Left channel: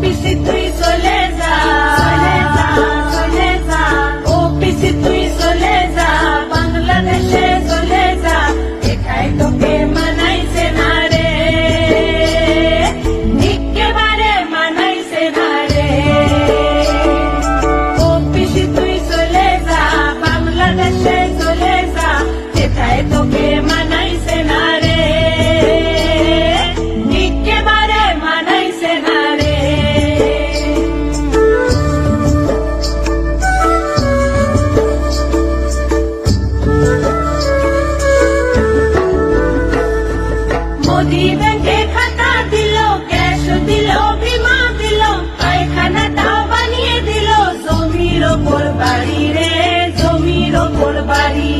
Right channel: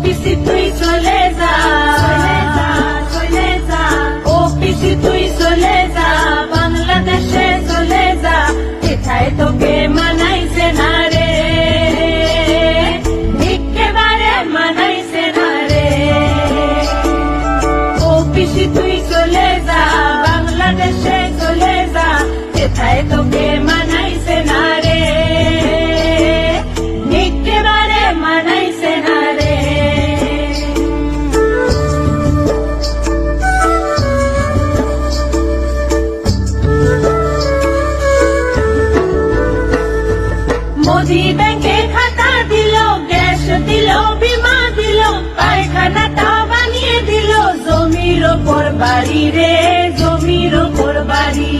পিসি তুই চলে যা, চলে যা, ও পিসি তুই চলে যা, বাংলাদেশে চলে যা, একাই তোকে মানাইছে না রে, একেবারে মানাইছে না রে। ও পিসি তুই চলে যা, বাংলাদেশে চলে যা, একাই তোকে মানাইছে না রে, একেবারে মানাইছে না রে। মোদি ব্যাংকে খাতা দিল, গ্যাস দিল, বিমা দিল, পায়খানাটা বানিয়ে দিল, জমির ওপর বাড়ি রে, জমির ওপর বাড়ি।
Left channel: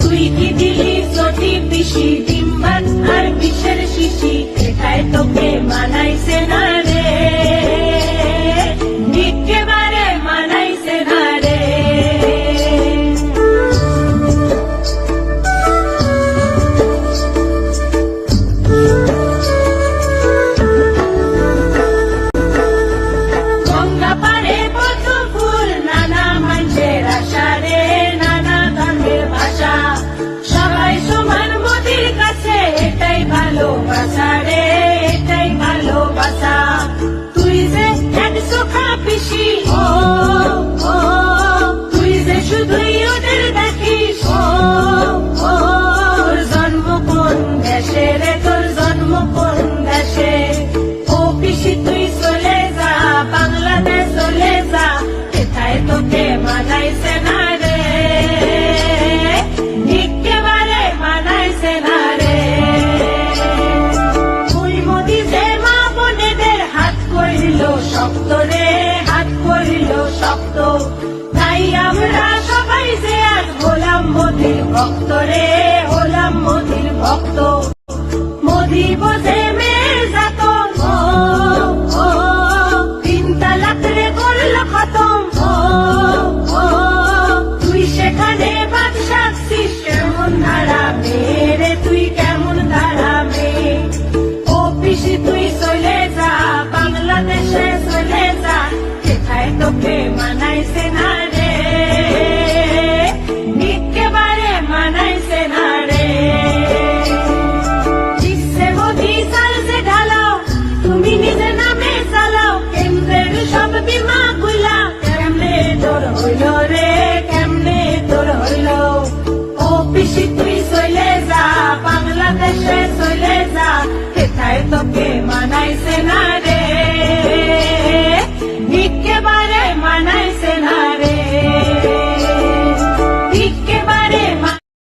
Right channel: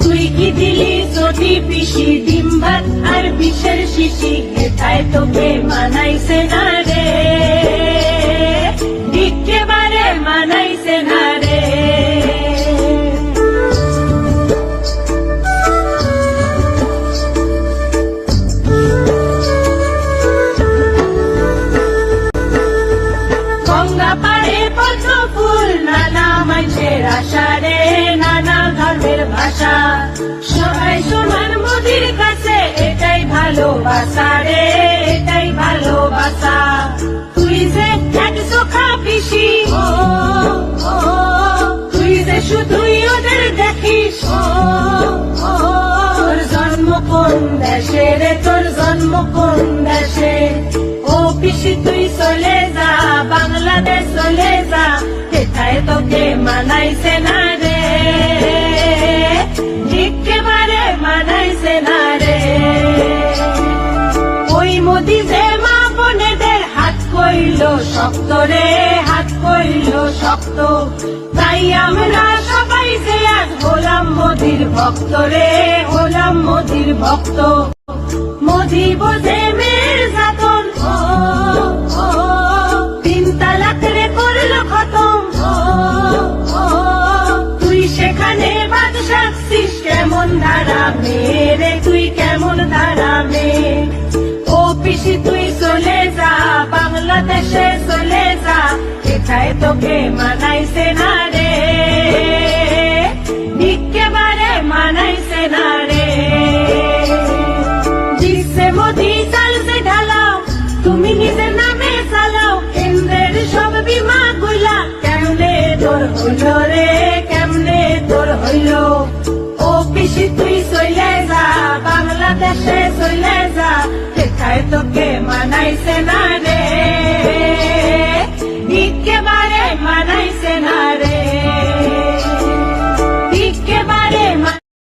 তুই কি দিলি চটি পিসি, ডিম ভাত আর বিষের শিশি, এটাই তোকে মানাইছে না রে, একেবারে মানাইছে না রে। গঙ্গা পাড়ে পদ্ম ফুল, নানা মানুষের আশা রে, নানা ধর্মের ভাষা, সবাই সমান মোদির কাছে, এটাই ভালোবাসা রে, এটাই ভালোবাসা। তুই যে এক চোখা পিসি, ও ও, তুই যে শুধুই ওদের দেখিস, ও ও, তোর জন্ম কোন দেশে রে, তোর জন্ম কোন দেশে। ও পিসি তুই চলে যা, বাংলাদেশ চলে যা, এটাই তোকে মানাইছে না রে, একেবারে মানাইছে না রে। ওই মোদি যে মা বোনেদের হাত কইল শক্ত রে, হাত কইল শক্ত, তাই আমরা সবাই যে আজ হলাম মোদির ভক্ত রে, হলাম মোদির ভক্ত। মোদি বোঝে